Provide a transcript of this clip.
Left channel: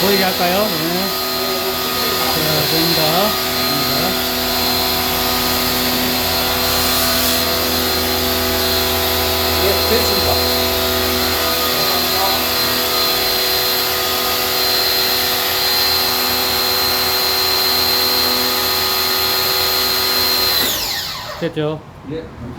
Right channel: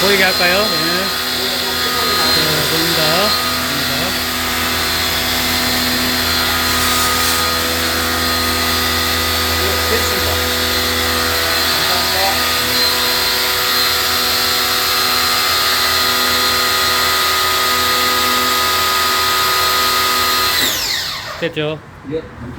보이게 할까요? 네. 자, 보입니다. 보입니다. 네, 됐습니다. 감사합니다. 됐죠? 예, 감사합니다.